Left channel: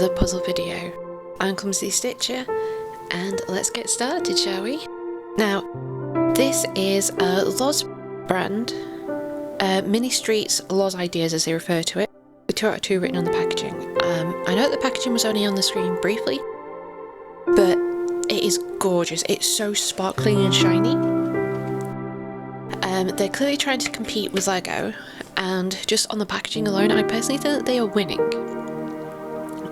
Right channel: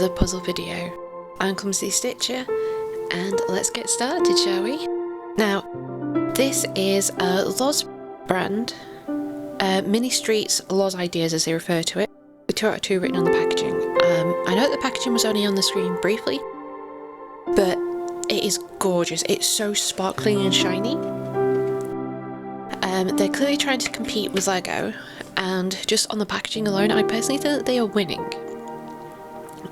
another puzzle video. I'm Clumsy Stitcher, and let's get started, shall we? Now, this is a Loz brand, Mini Streets Loz Ideas as they refer to it, with 2 out of 2 written on the packaging. I know the packaging was only on the screen briefly, but it is gorgeous. It's so sparkling and shiny. They're clearly trying to compete with Lego, and just on the packaging alone, I personally think that they are winning.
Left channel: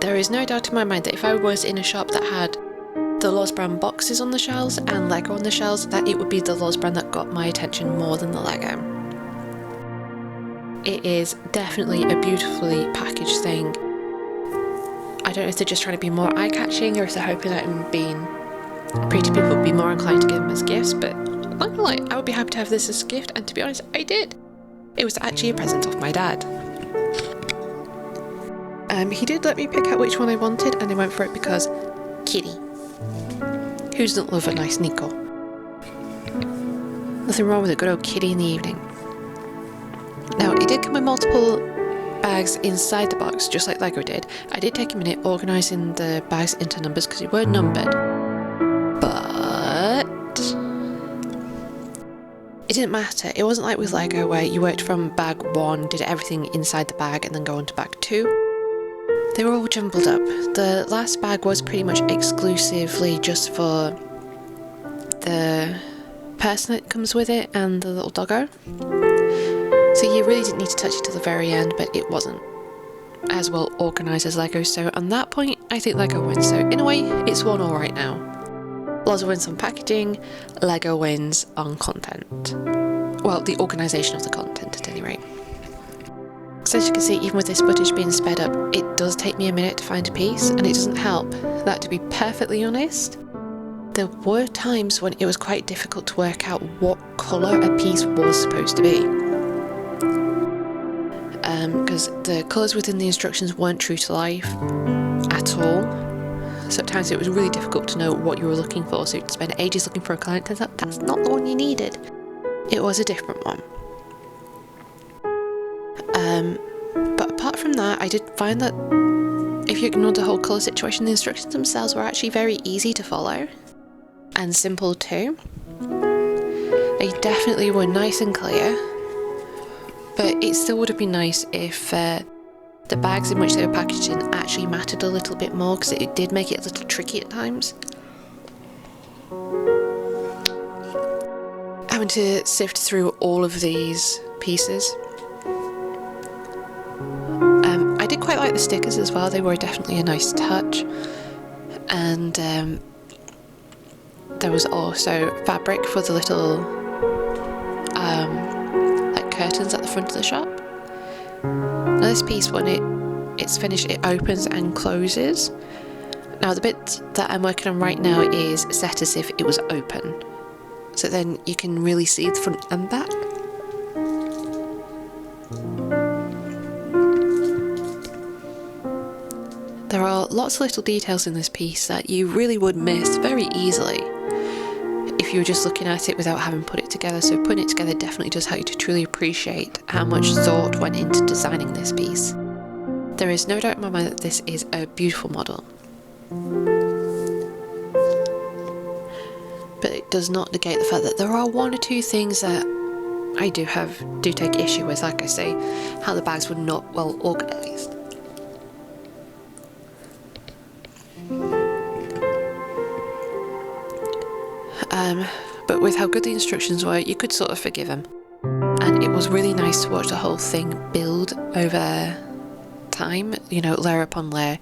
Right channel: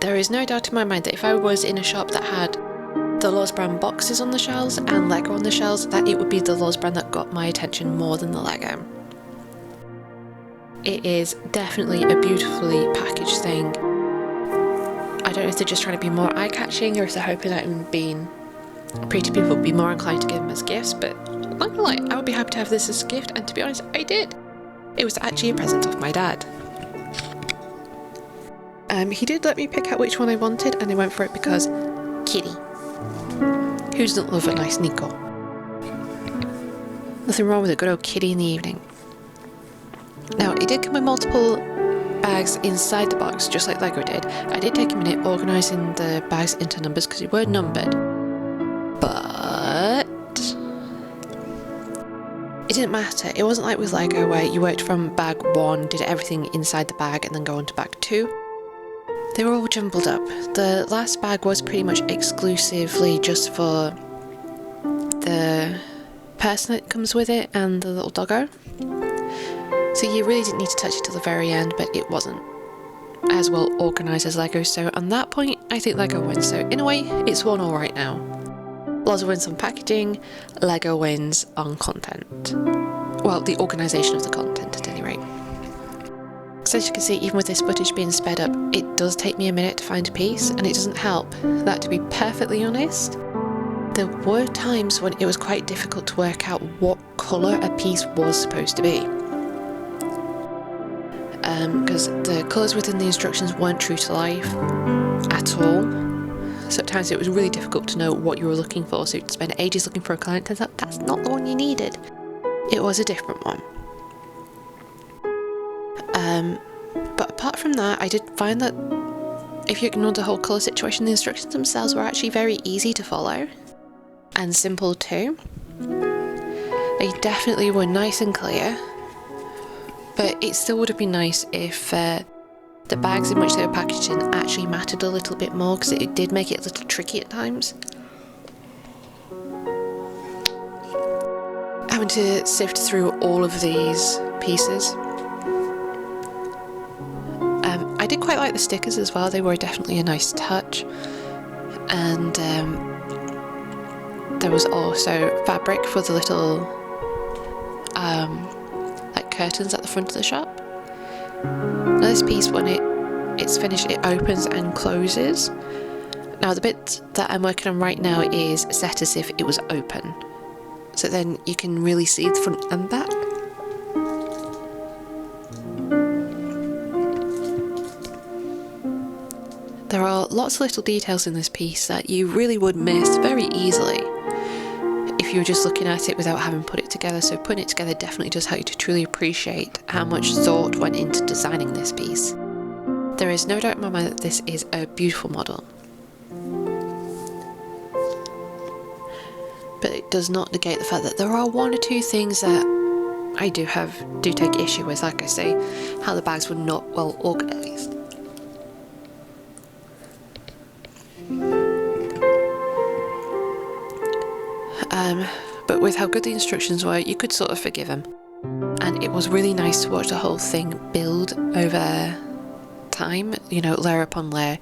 There is no doubt in my mind that if I was in a shop that had the Loz brand boxes on the shelves and Lego on the shelves, that it would be the Loz brand that got my attention more than the Lego. It is definitely a beautifully packaged thing. I don't know if they're just trying to be more eye-catching or if they're hoping that pretty people would be more inclined to give them as gifts, but I'm not gonna lie, I would be happy to have this as a gift, and to be honest, I did. It was actually a present of my dad. He did let me pick out which one I wanted, and I went for it because Kitty. Who doesn't love a nice Nico? Nothing wrong with a good old kitty in the evening. Now, it did come with multiple bags inside the box, just like Lego did. I did take a minute organising the bags into numbers because they were numbered, but it didn't matter. It wasn't like with Lego where you worked from bag 1, did everything inside the bag, and then go on to bag 2. They were all jumbled up. The last bag was pretty much exclusively just for the person that comes with it and the little doggo. So you really didn't need to touch it till the very end, but it wasn't as well organised as Lego. So on that point, I think Lego wins. So in a way, it's 1-1 right now. Loz wins on packaging, Lego wins on content. Well, the organisation of the content at any rate. So as you can see, even with this footage being sped up, it does take me a minute to find a piece, and it doesn't help that, to be perfectly honest, there were times when it was quite difficult to work out what colour a piece was supposed to be. Because the colours within the instructions weren't true to life at all. So at times it was really difficult to know what you were looking for, so you'd spend ages looking for a colour and turns out that's not the one you needed. It was a different one. But apart from that, I did find that if you ignored the whole colour situation, the instructions themselves were actually very easy to follow and simple too. They definitely were nice and clear, but it still would have been nice if the bags in which they were packaged in actually mattered a little bit more, because it did make it a little tricky at times. Having to sift through all of these pieces. I did quite like the stickers as well. They were definitely a nice touch, and there was also fabric for the little like curtains at the front of the shop. Now this piece, when it's finished, it opens and closes. Now the bit that I'm working on right now is set as if it was open, so then you can really see the front and back. There are lots of little details in this piece that you really would miss very easily if you were just looking at it without having put it together. So putting it together definitely does help you to truly appreciate how much thought went into designing this piece. There is no doubt in my mind that this is a beautiful model, but it does not negate the fact that there are 1 or 2 things that I do take issue with. Like I say, how the bags were not well organised. But with how good the instructions were, you could sort of forgive them. And it was really nice to watch the whole thing build over time, you know, layer upon layer.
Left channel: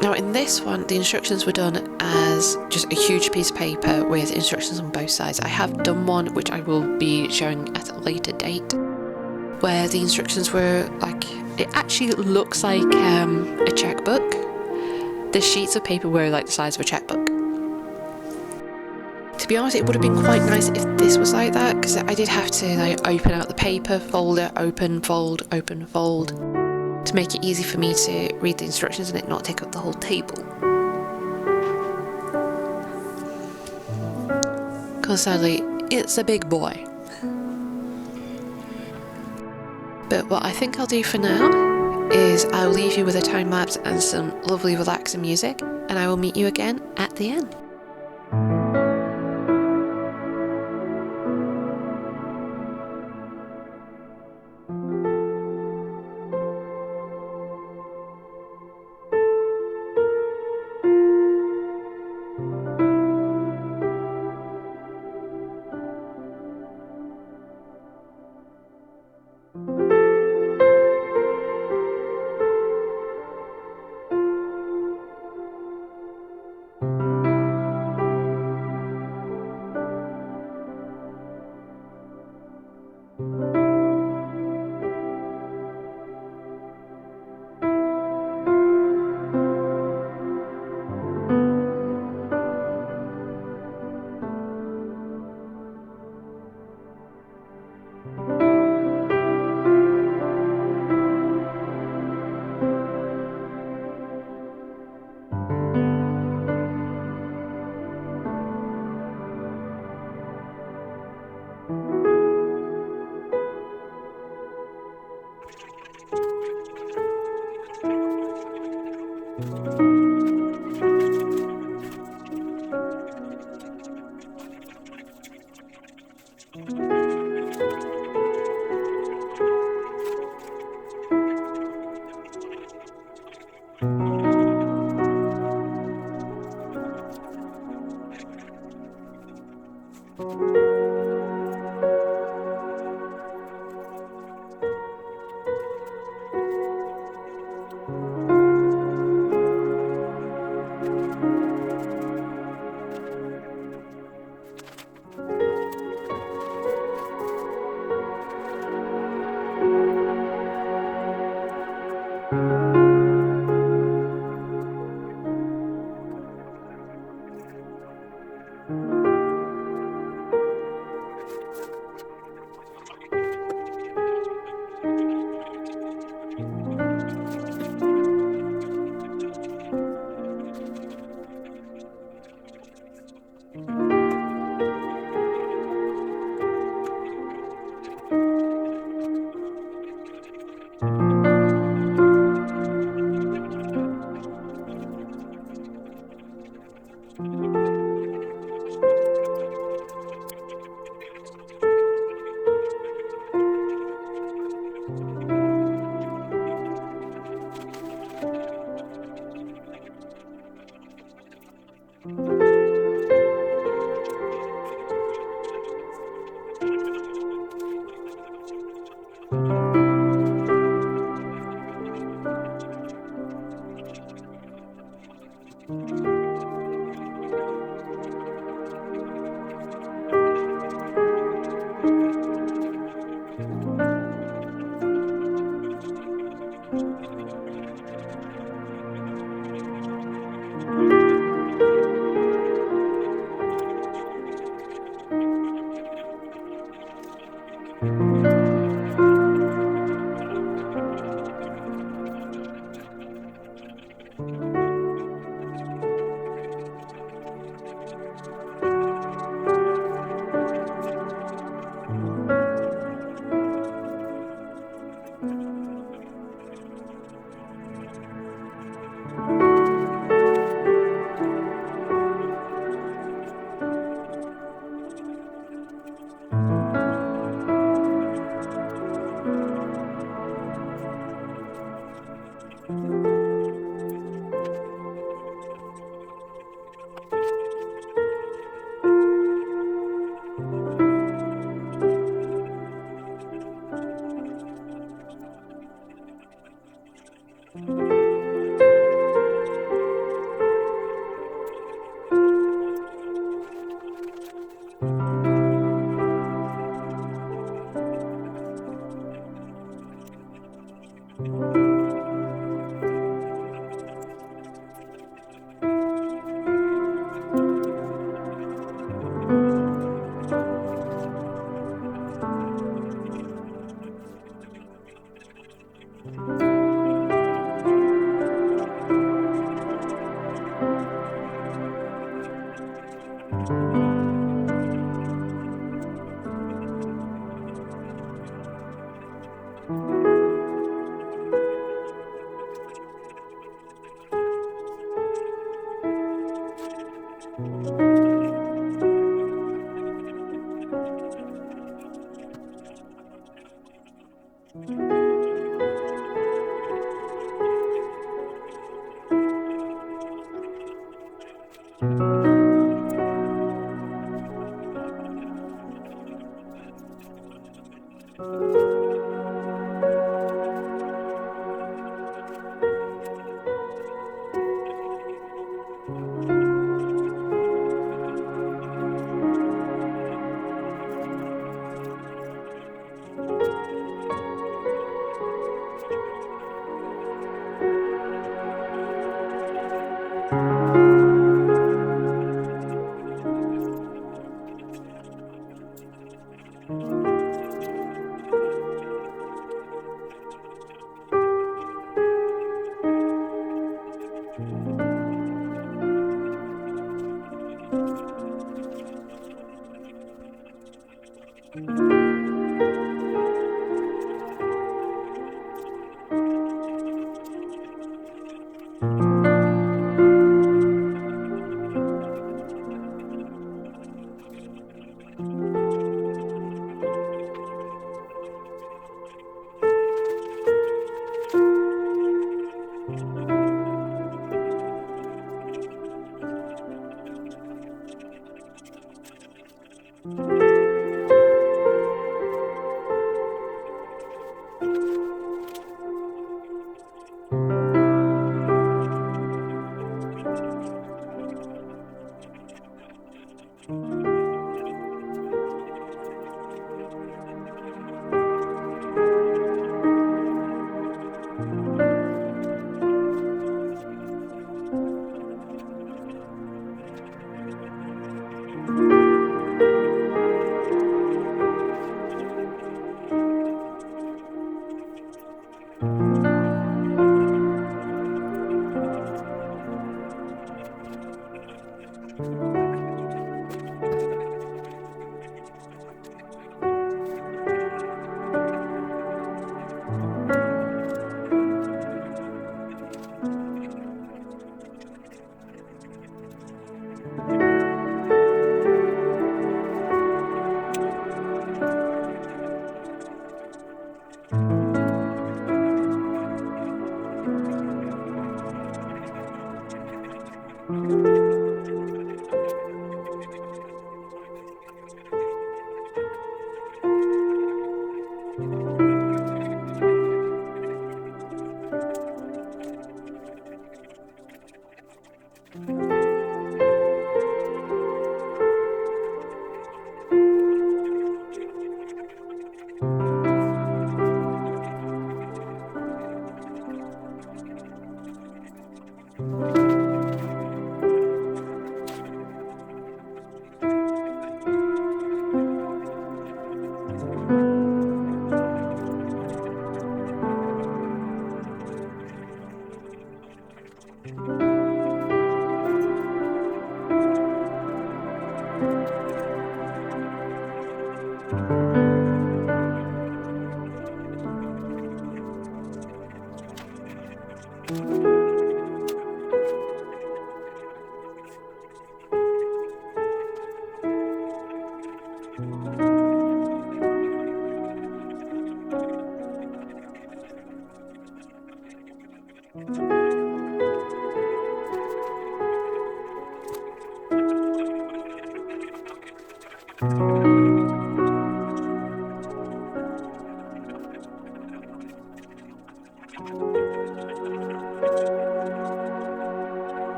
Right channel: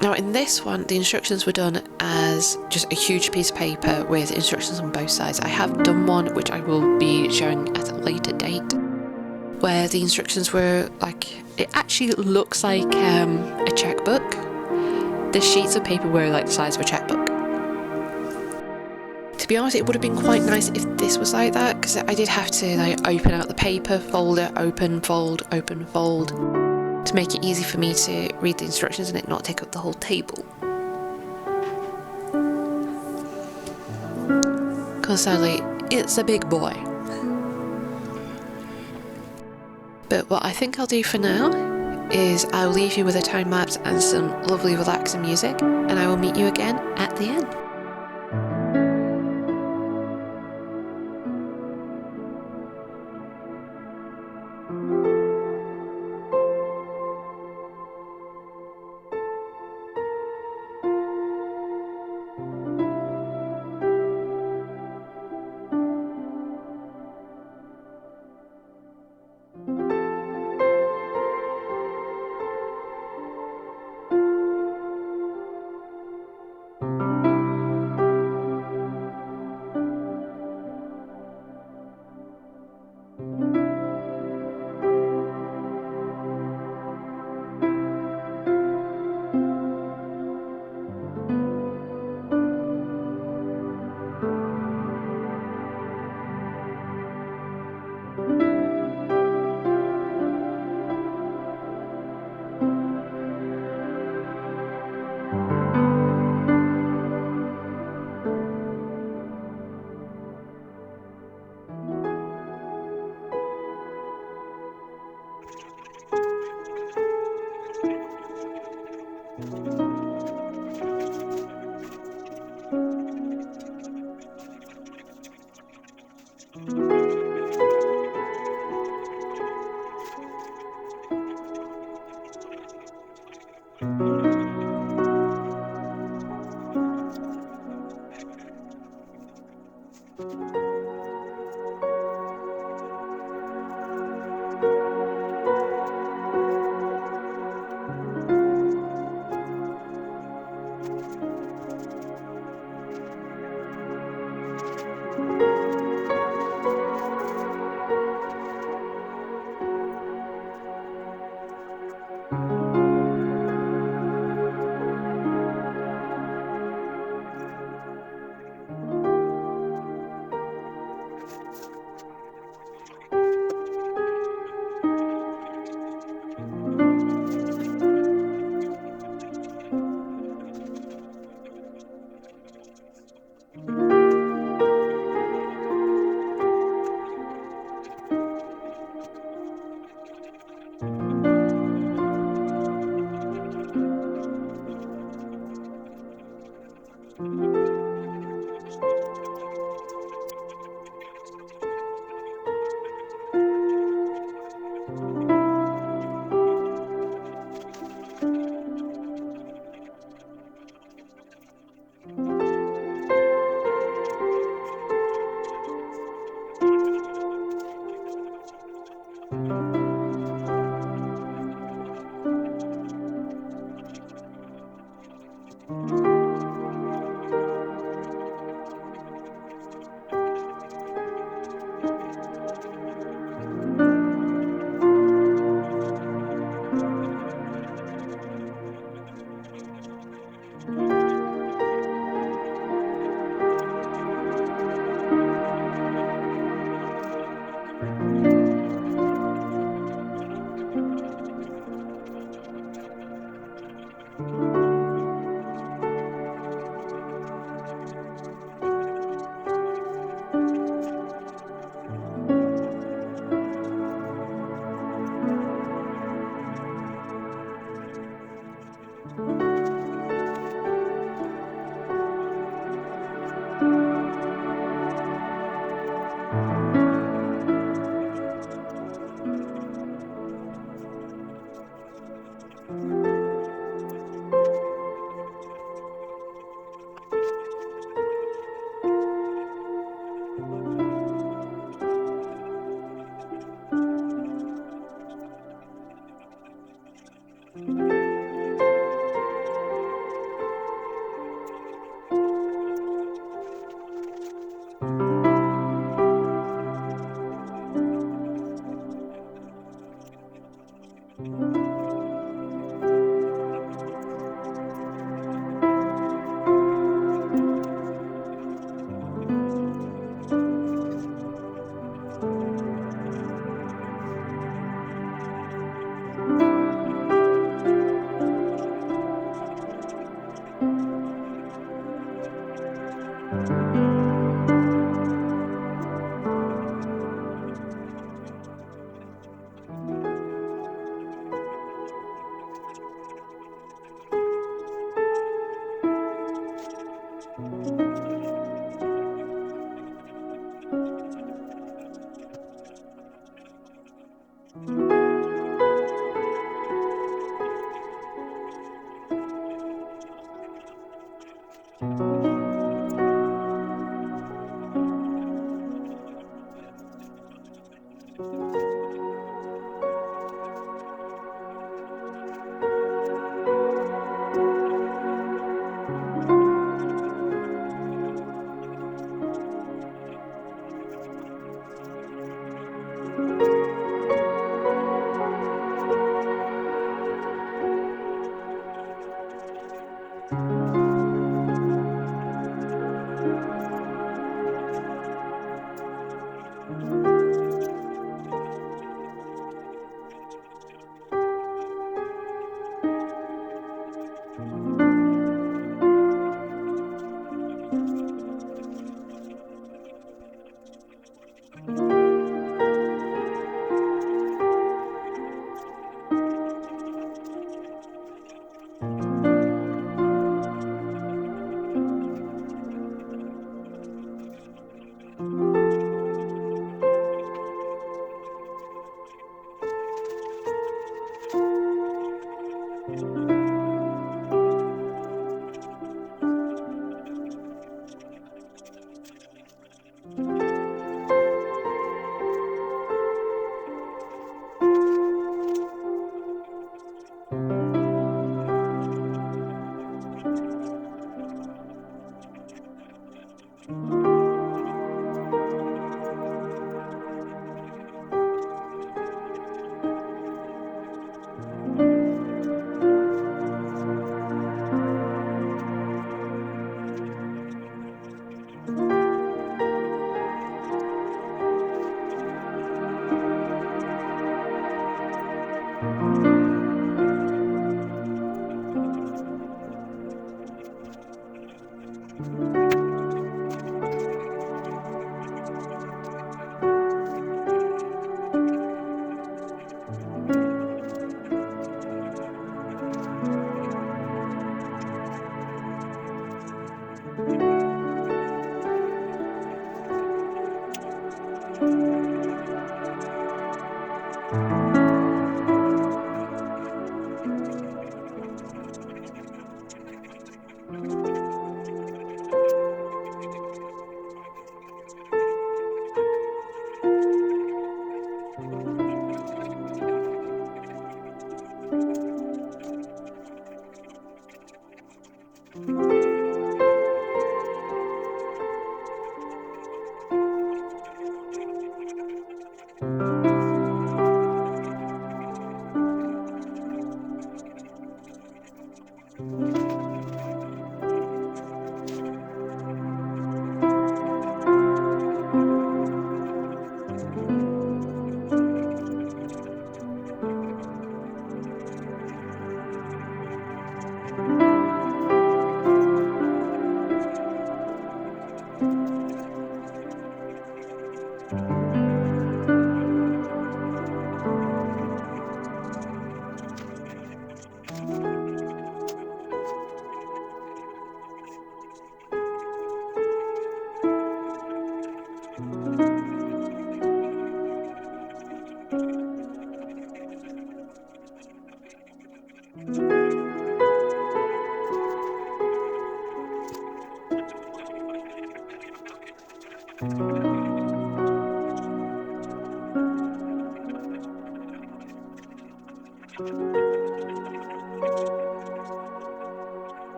Now in this one, the instructions were done as just a huge piece of paper with instructions on both sides. I have done one, which I will be showing at a later date, where the instructions were like, it actually looks like a checkbook. The sheets of paper were like the size of a checkbook. To be honest, it would have been quite nice if this was like that, because I did have to like open out the paper, fold it, open, fold, to make it easy for me to read the instructions and it not take up the whole table. Because sadly, it's a big boy. But what I think I'll do for now is I'll leave you with a time lapse and some lovely relaxing music, and I will meet you again at the end.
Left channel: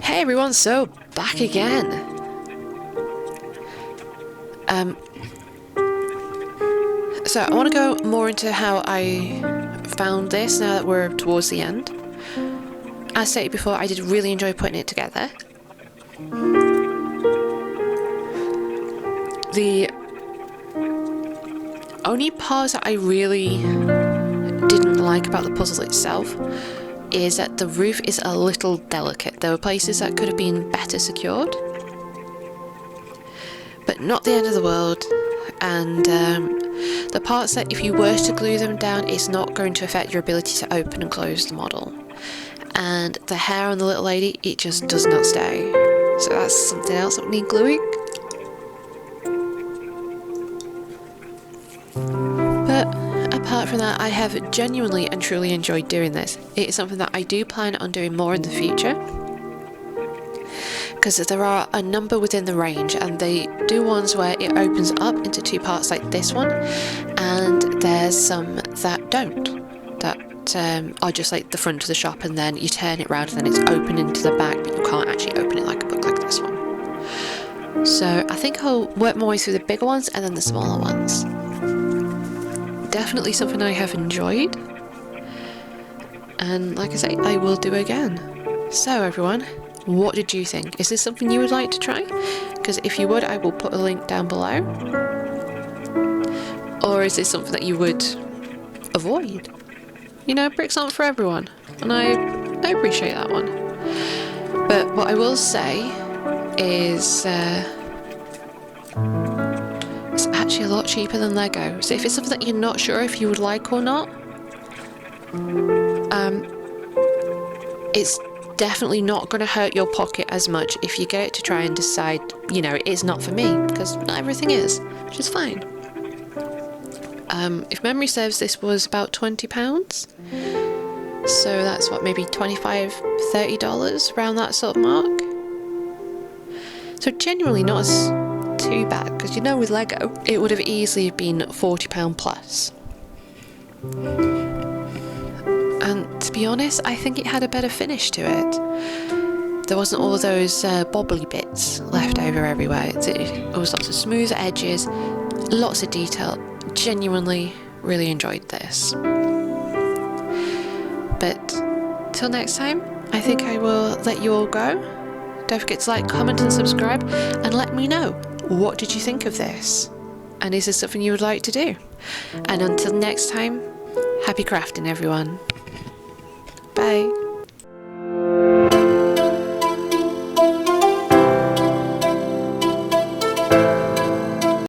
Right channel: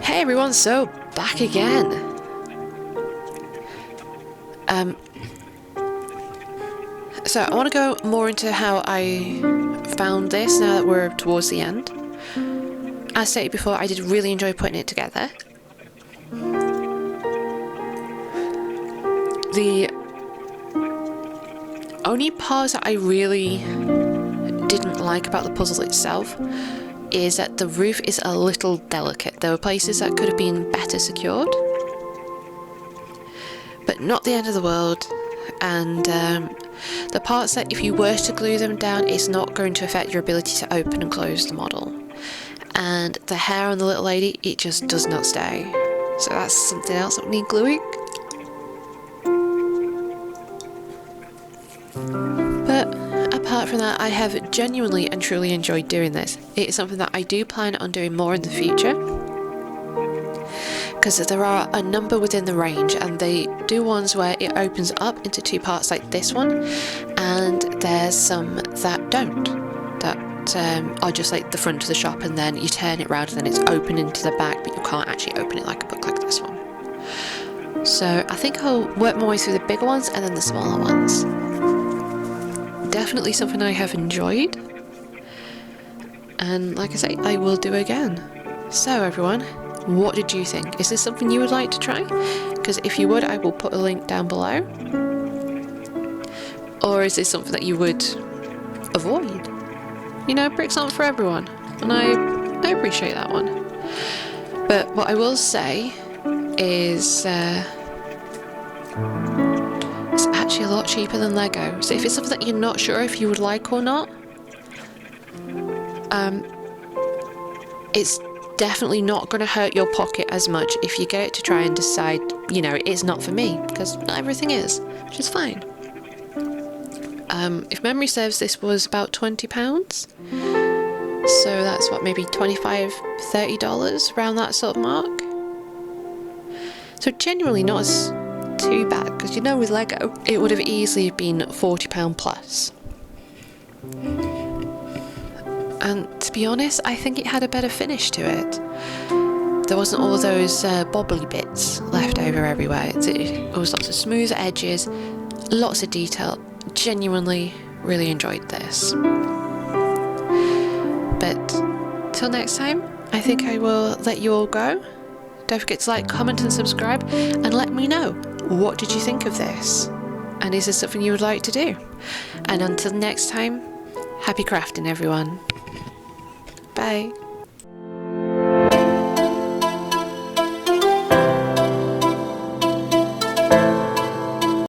Hey everyone, so back again. So I want to go more into how I found this now that we're towards the end. As stated before, I did really enjoy putting it together. The only parts that I really didn't like about the puzzle itself is that the roof is a little delicate. There were places that could have been better secured, but not the end of the world. And the parts that if you were to glue them down, it's not going to affect your ability to open and close the model. And the hair on the little lady, it just does not stay. So that's something else that would need gluing. But apart from that, I have genuinely and truly enjoyed doing this. It is something that I do plan on doing more in the future, because there are a number within the range, and they do ones where it opens up into two parts like this one, and there's some that don't, that are just like the front of the shop and then you turn it round and then it's open into the back, but you can't actually open it like a book like this one. So I think I'll work my way through the bigger ones and then the smaller ones. Definitely something I have enjoyed. and like I say, I will do again. So everyone, what did you think? Is this something you would like to try? Because if you would, I will put a link down below. Or is this something that you would avoid? You know, bricks aren't for everyone, and I appreciate that one. But what I will say is it's actually a lot cheaper than Lego. So if it's something that you're not sure if you would like or not, it's definitely not going to hurt your pocket as much if you get it to try and decide, you know, it's not for me, because not everything is, which is fine. If memory serves, this was about £20. So that's what, maybe $25, $30, around that sort of mark. So genuinely not as too bad, because you know with Lego, it would have easily been £40 plus. And to be honest, I think it had a better finish to it. There wasn't all those bobbly bits left over everywhere. It was lots of smooth edges, lots of detail. Genuinely really enjoyed this. But till next time, I think I will let you all go. Don't forget to like, comment and subscribe, and let me know, what did you think of this? And is this something you would like to do? And until next time, happy crafting everyone. Bye.